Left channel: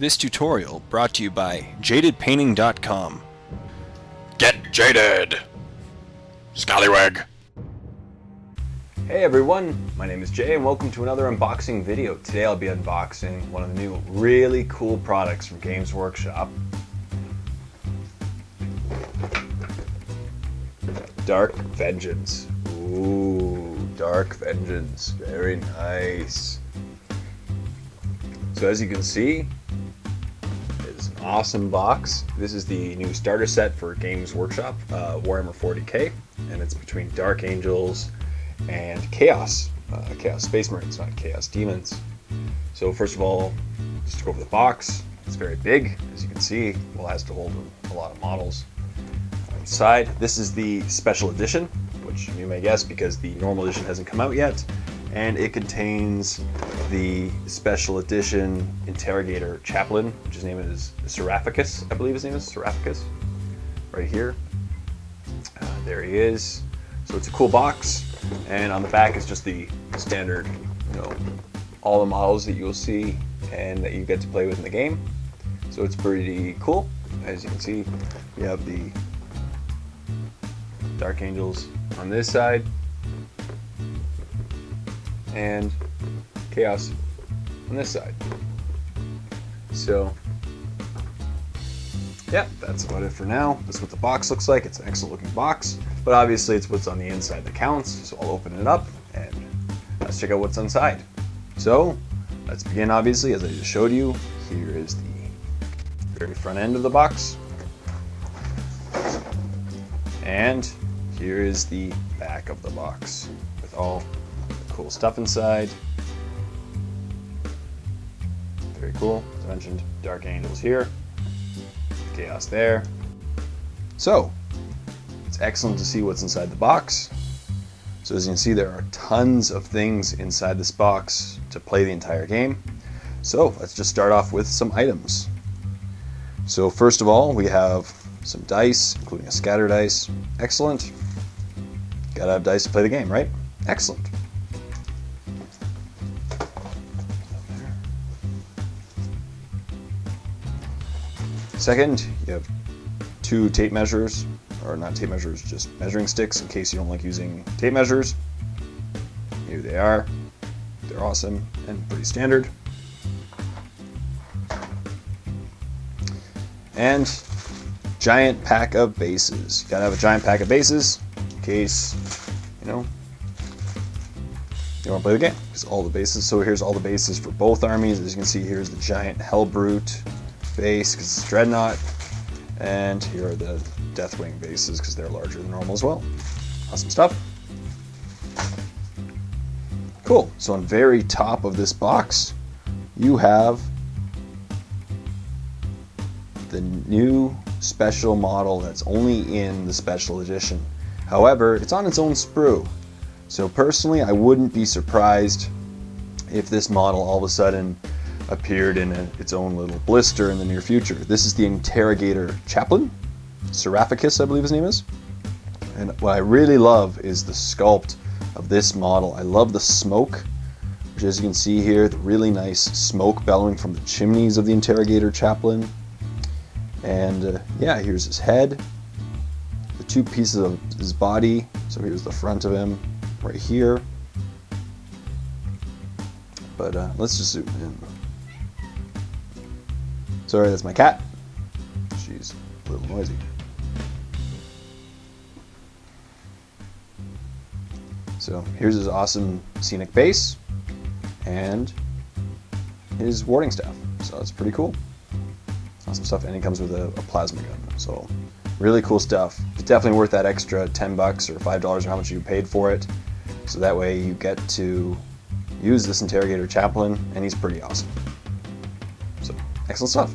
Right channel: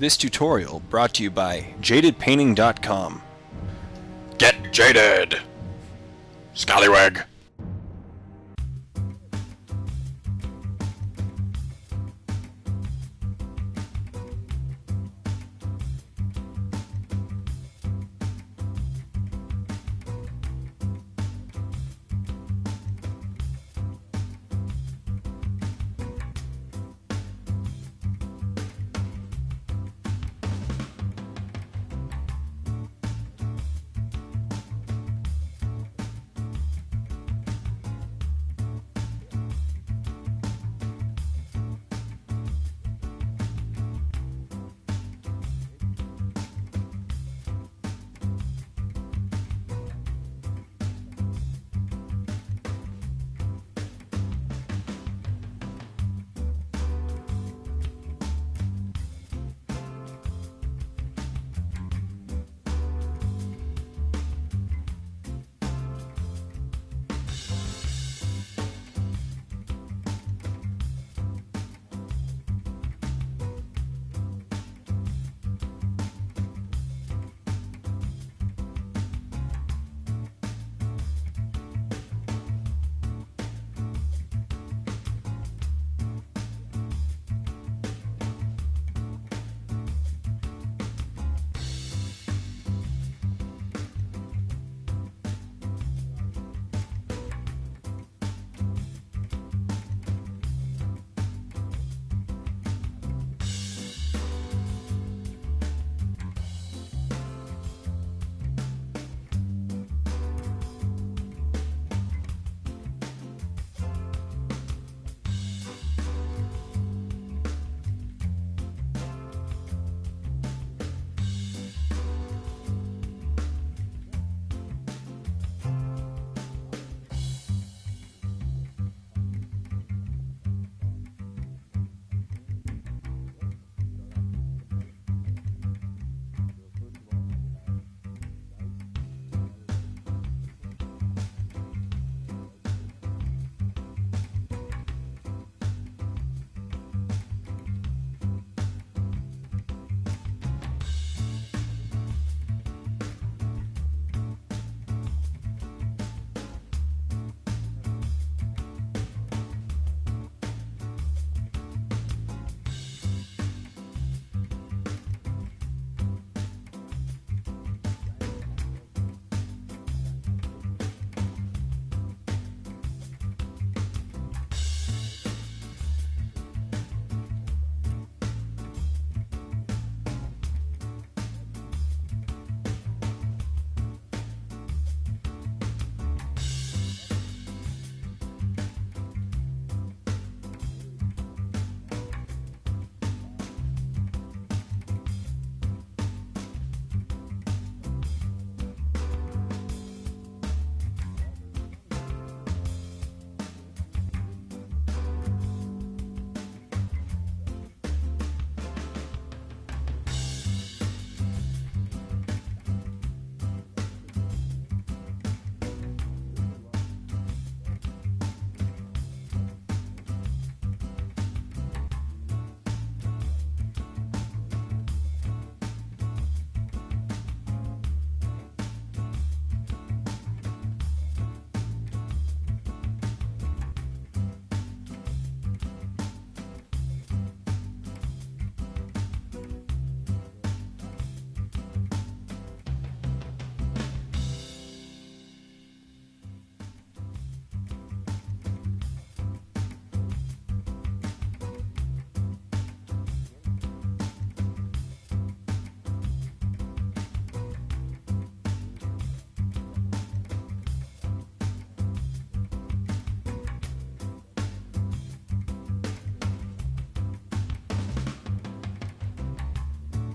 This tutorial brought to you by jadedpainting.com. Get jaded! Scallywag! Hey everyone, my name is Jay and welcome to another unboxing video. Today I'll be unboxing one of the new really cool products from Games Workshop. Dark Vengeance. Ooh, Dark Vengeance. Very nice. So as you can see, it's an awesome box. This is the new starter set for Games Workshop, Warhammer 40k, and it's between Dark Angels and Chaos. Chaos Space Marines, not Chaos Demons. So first of all, just to go over the box, it's very big, as you can see. Well, it has to hold a lot of models. Inside, this is the special edition, which you may guess because the normal edition hasn't come out yet, and it contains the special edition interrogator chaplain, which his name is Seraphicus, I believe his name is Seraphicus, right here. There he is. So it's a cool box, and on the back is just the standard, all the models that you'll see and that you get to play with in the game. So it's pretty cool. As you can see, we have the Dark Angels on this side and Chaos on this side. So yeah, that's about it for now. This is what the box looks like. It's an excellent looking box, but obviously it's what's on the inside that counts. So I'll open it up and let's check out what's inside. So let's begin. Obviously, as I just showed you, here is the very front end of the box, and here is the back of the box with all the cool stuff inside. Very cool. As I mentioned, Dark Angels here, Chaos there. So it's excellent to see what's inside the box. So as you can see, there are tons of things inside this box to play the entire game. So let's just start off with some items. So first of all, we have some dice, including a scatter dice. Excellent. Gotta have dice to play the game, right? Excellent. Second, you have two tape measures, or not tape measures, just measuring sticks in case you don't like using tape measures. Here they are. They're awesome and pretty standard. And giant pack of bases. You gotta have a giant pack of bases in case, you want to play the game. It's all the bases. So here's all the bases for both armies. As you can see, here's the giant Hellbrute base because it's Dreadnought, and here are the Deathwing bases because they're larger than normal as well. Awesome stuff. Cool. So on the very top of this box, you have the new special model that's only in the special edition. However, it's on its own sprue. So personally, I wouldn't be surprised if this model all of a sudden appeared in its own little blister in the near future. This is the Interrogator Chaplain, Seraphicus, I believe his name is. And what I really love is the sculpt of this model. I love the smoke, which as you can see here, the really nice smoke bellowing from the chimneys of the Interrogator Chaplain. And yeah, here's his head, the two pieces of his body. So here's the front of him right here. But let's just zoom in. Sorry, that's my cat. She's a little noisy. So here's his awesome scenic base and his warding staff. So that's pretty cool. Awesome stuff, and he comes with a plasma gun. So really cool stuff. It's definitely worth that extra $10 or $5 or how much you paid for it. So that way you get to use this Interrogator Chaplain, and he's pretty awesome. So excellent stuff.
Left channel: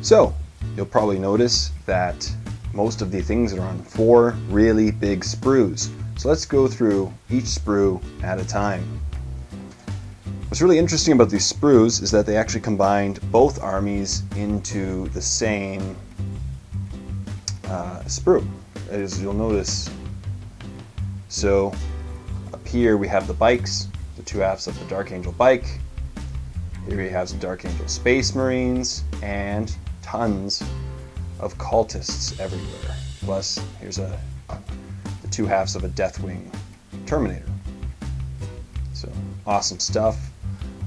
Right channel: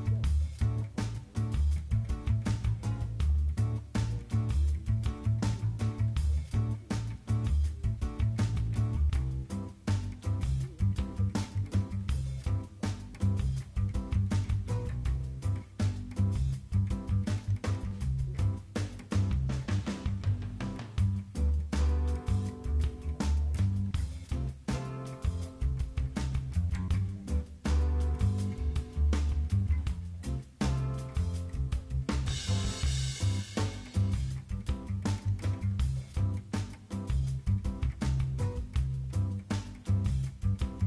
So you'll probably notice that most of the things are on 4 really big sprues. So let's go through each sprue at a time. What's really interesting about these sprues is that they actually combined both armies into the same sprue, as you'll notice. So up here we have the bikes, the two halves of the Dark Angel bike, Here he has Dark Angel Space Marines and tons of cultists everywhere. Plus, here's the two halves of a Deathwing Terminator. So, awesome stuff.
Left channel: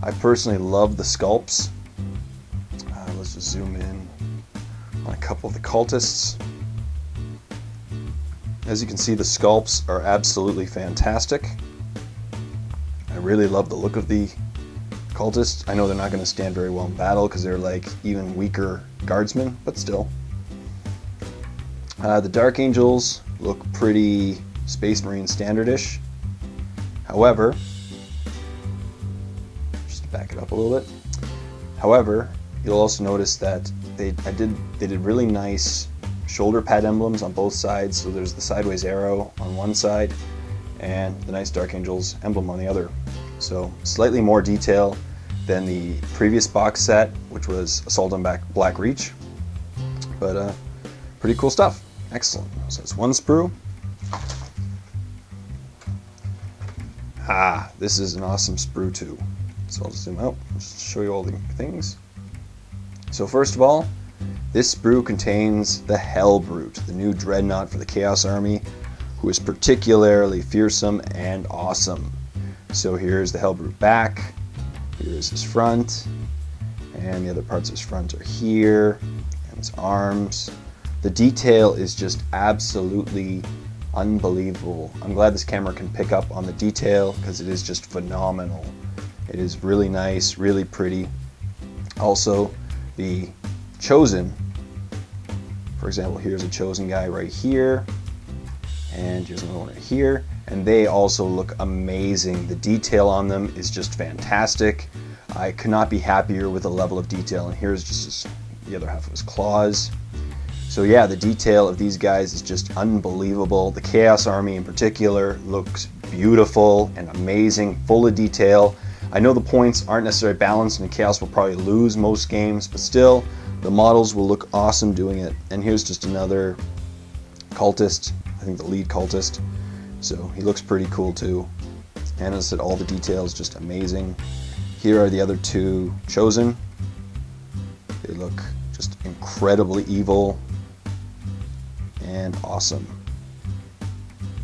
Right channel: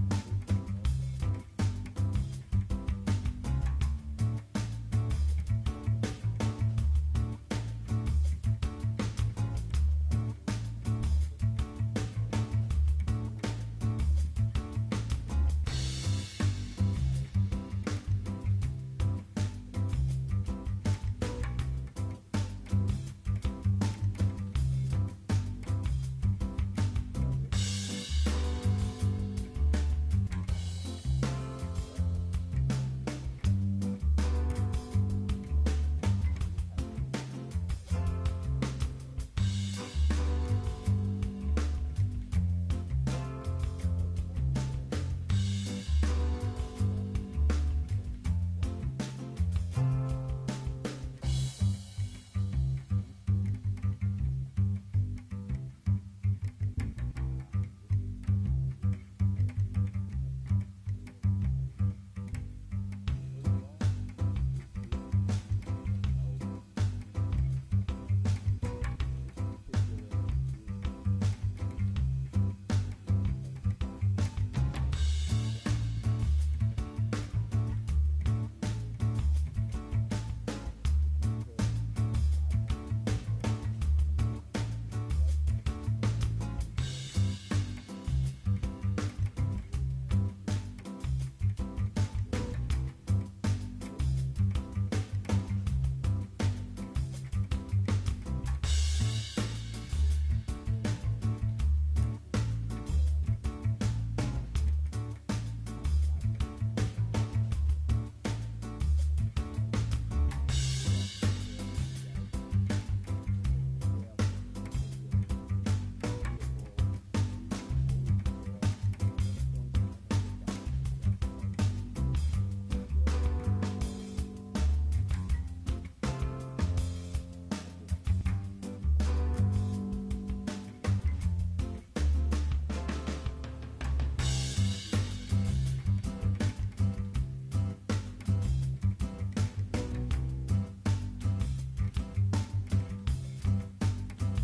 I personally love the sculpts. Let's just zoom in on a couple of the cultists. As you can see, the sculpts are absolutely fantastic. I really love the look of the cultists. I know they're not going to stand very well in battle because they're like even weaker guardsmen, but still. The Dark Angels look pretty Space Marine standardish. However, just to back it up a little bit. However, you'll also notice that they did really nice shoulder pad emblems on both sides. So there's the sideways arrow on one side and the nice Dark Angels emblem on the other. So slightly more detail than the previous box set, which was Assault on Black Reach. But pretty cool stuff. Excellent. So it's one sprue. This is an awesome sprue too. So I'll zoom out, just show you all the things. So first of all, this sprue contains the Hellbrute, the new dreadnought for the Chaos Army, who is particularly fearsome and awesome. So here's the Hellbrute back, here's his front, and the other parts of his front are here, and his arms. The detail is just absolutely unbelievable. I'm glad this camera can pick up on the detail because it is just phenomenal. It is really nice, really pretty. Also, the Chosen, for example, here's a Chosen guy right here, and here's another one right here, and they also look amazing. The detail on them is just fantastic. I could not be happier with the level of detail, and here's just the other half of his claws. So yeah, the detail of these guys is just unbelievable. The Chaos Army in particular looks beautiful and amazing, full of detail. I know the points aren't necessarily balanced and Chaos will probably lose most games, but still, the models will look awesome doing it. And here's just another cultist, I think the lead cultist. So he looks pretty cool too. And as I said, all the details just amazing. Here are the other two Chosen. They look just incredibly evil and awesome.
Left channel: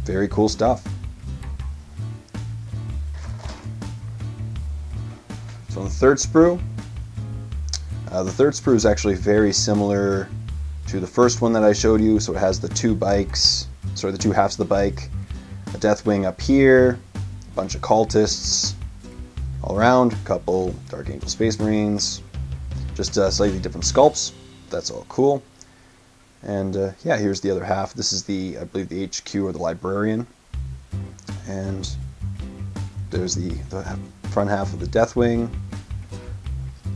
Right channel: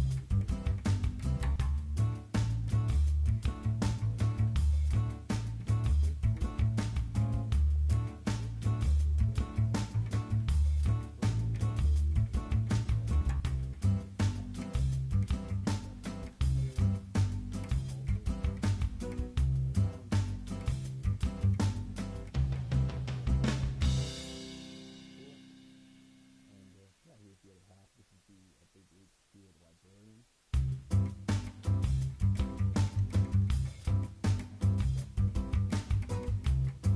Very cool stuff. So on the third sprue is actually very similar to the first one that I showed you. So it has the two halves of the bike, a Deathwing up here, a bunch of cultists all around, a couple Dark Angel Space Marines, just slightly different sculpts. That's all cool. And yeah, here's the other half. This is I believe the HQ or the Librarian. And there's the front half of the Deathwing.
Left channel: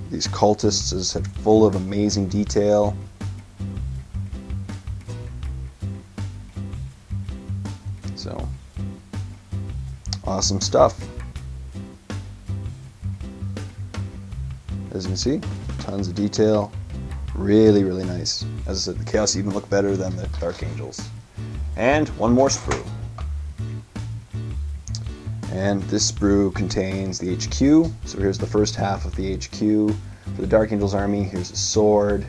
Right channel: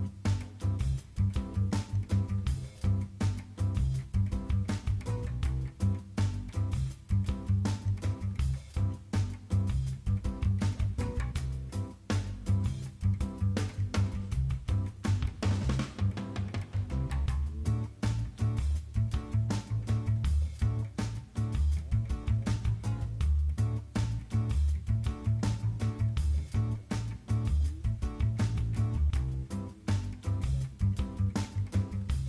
These cultists is full of amazing detail. So, awesome stuff. As you can see, tons of detail. Really, really nice. As I said, the Chaos even look better than the Dark Angels. And one more sprue. And this sprue contains the HQ. So here's the first half of the HQ. For the Dark Angels army, here's the sword,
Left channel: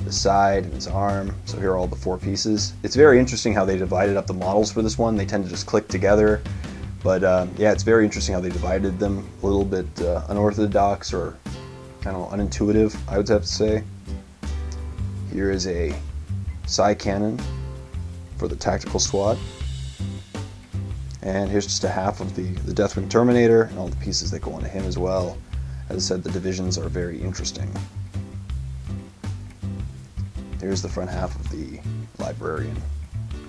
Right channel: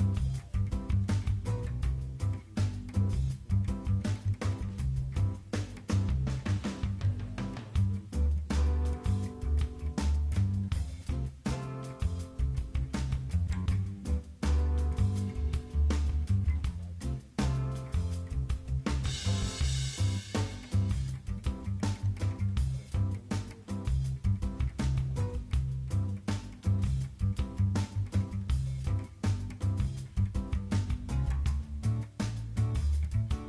the side, and his arm. So here are all the four pieces. It's very interesting how they divided up the models for this one. They tend to just click together. But yeah, it's very interesting how they divided them. A little bit unorthodox or kind of unintuitive, I would have to say. Here is a Psy Cannon for the tactical SWAT. And here's just a half of the Deathwing Terminator and all the pieces that go onto him as well. As I said, the divisions are very interesting. Here's the front half of the Librarian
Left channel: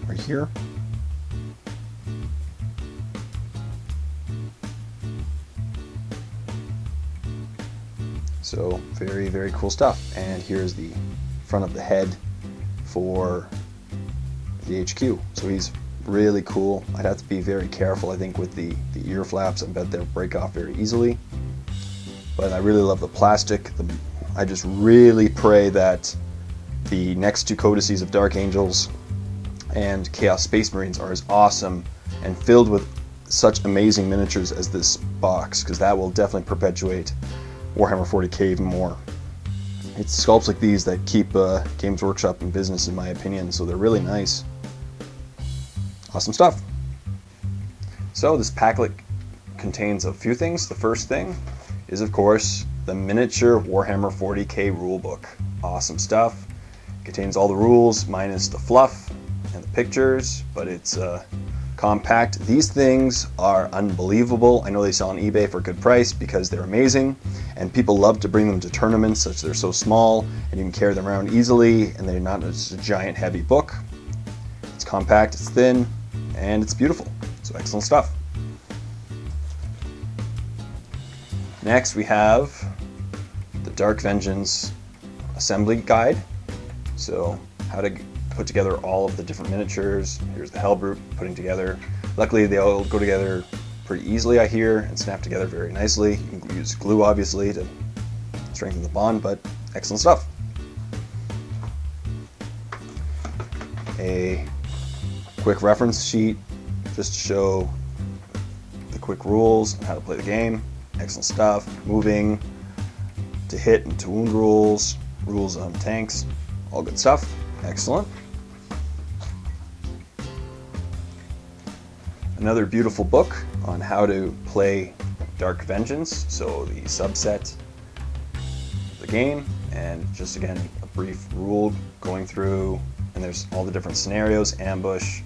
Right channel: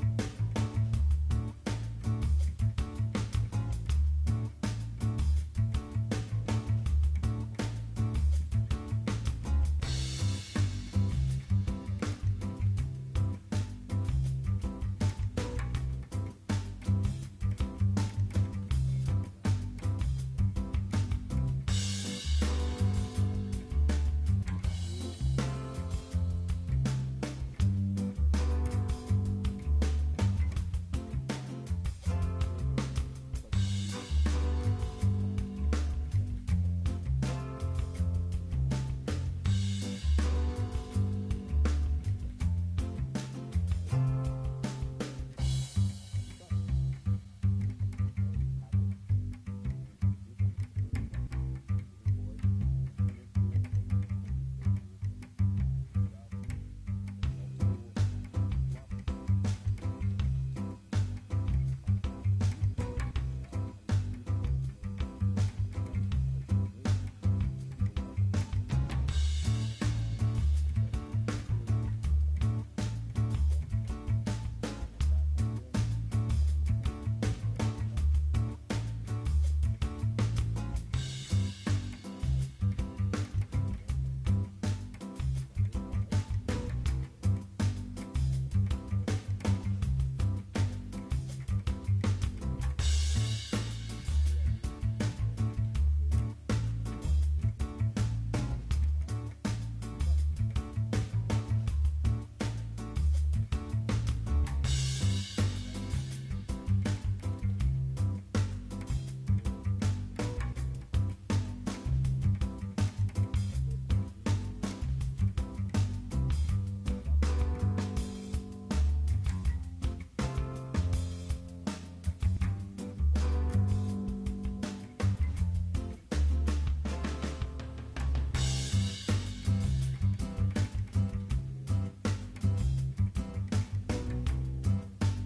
right here. So very, very cool stuff. And here's the front of the head for the HQ. So he's really cool. I'd have to be very careful, I think, with the ear flaps. I bet they'll break off very easily. But I really love the plastic. I just really pray that the next two codices of Dark Angels and Chaos Space Marines are as awesome and filled with such amazing miniatures as this box, because that will definitely perpetuate Warhammer 40k even more. It's sculpts like these that keep Games Workshop in business, in my opinion, so they're really nice. Awesome stuff. So this packlet contains a few things. The first thing is, of course, the miniature Warhammer 40k rulebook. Awesome stuff. Contains all the rules minus the fluff and the pictures, but it's compact. These things are unbelievable. I know they sell on eBay for a good price because they're amazing, and people love to bring them to tournaments such they're so small and you can carry them around easily, and they're not just a giant heavy book. It's compact, it's thin, and it's beautiful. So excellent stuff. Next we have the Dark Vengeance assembly guide. So how to put together all of the different miniatures. Here's the Hellbrute putting together. Luckily they all go together pretty easily, I hear, and snap together very nicely. You can use glue obviously to strengthen the bond, but excellent stuff. A quick reference sheet just to show the quick rules and how to play the game. Excellent stuff. Moving to hit and to wound rules, rules on tanks, all good stuff. Excellent. Another beautiful book on how to play Dark Vengeance, so the subset of the game, and just again a brief rule going through, and there's all the different scenarios, ambush,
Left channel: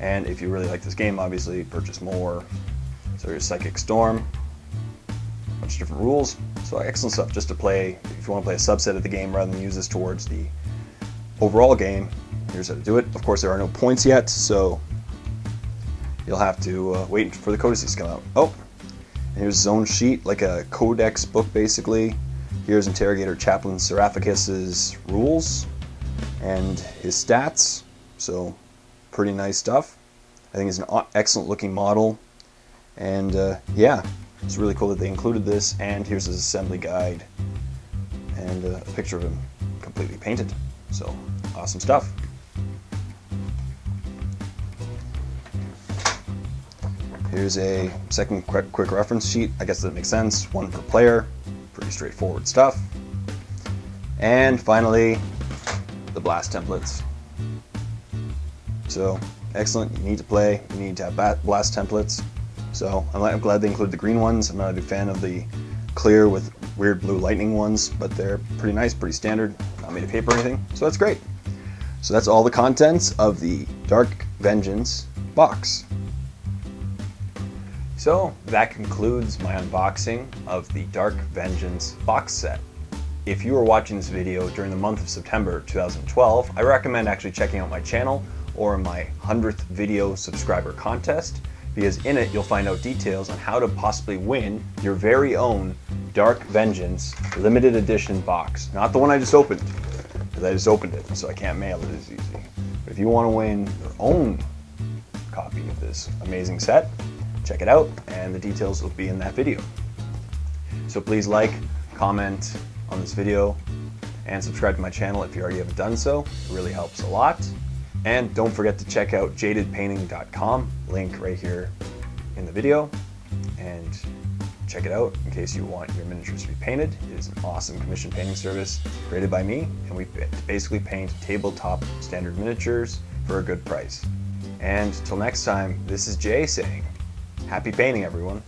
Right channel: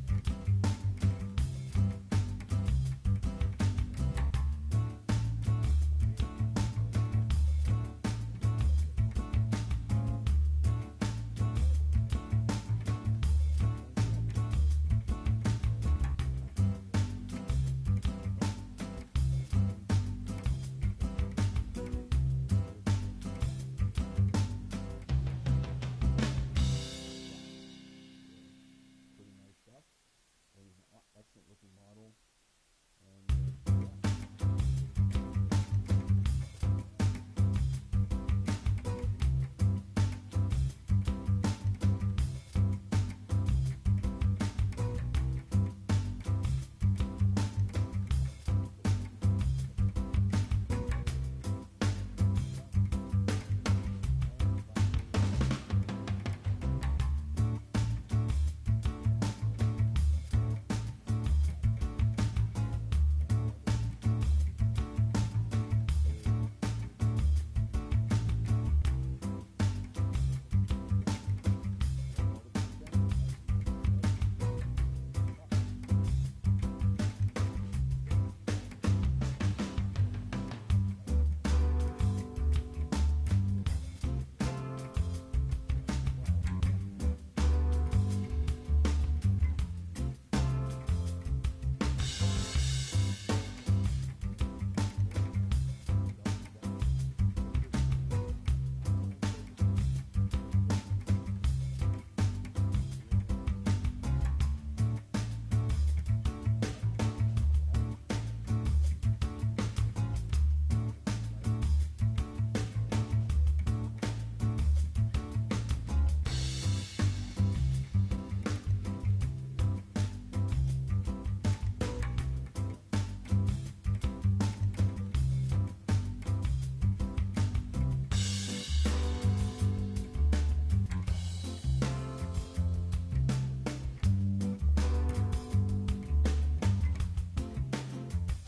and if you really like this game, obviously purchase more. So here's Psychic Storm, a bunch of different rules, so excellent stuff just to play. If you want to play a subset of the game rather than use this towards the overall game, here's how to do it. Of course there are no points yet, so you'll have to wait for the codices to come out. Oh, and here's Zone Sheet, like a codex book basically. Here's Interrogator Chaplain Seraphicus's rules and his stats, so pretty nice stuff. I think it's an excellent looking model, and yeah, it's really cool that they included this. And here's his assembly guide and a picture of him completely painted, so awesome stuff. Here's a second quick reference sheet. I guess that makes sense. One per player. Pretty straightforward stuff. And finally, the blast templates. So excellent. You need to play. You need to have blast templates. So I'm glad they include the green ones. I'm not a big fan of the clear with weird blue lightning ones, but they're pretty nice, pretty standard. Not made of paper or anything. So that's great. So that's all the contents of the Dark Vengeance box. So that concludes my unboxing of the Dark Vengeance box set. If you are watching this video during the month of September 2012, I recommend actually checking out my channel or my 100th video subscriber contest, because in it you'll find out details on how to possibly win your very own Dark Vengeance limited edition box. Not the one I just opened, because I just opened it, so I can't mail it as easy. But if you want to win your own copy of this amazing set, check it out, and the details will be in that video. So please like, comment on this video, and subscribe to my channel if you already haven't done so. It really helps a lot. And don't forget to check out jadedpainting.com, link right here in the video, and check it out in case you want your miniatures to be painted. It is an awesome commission painting service created by me, and we basically paint tabletop standard miniatures for a good price. And till next time, this is Jay saying, happy painting, everyone.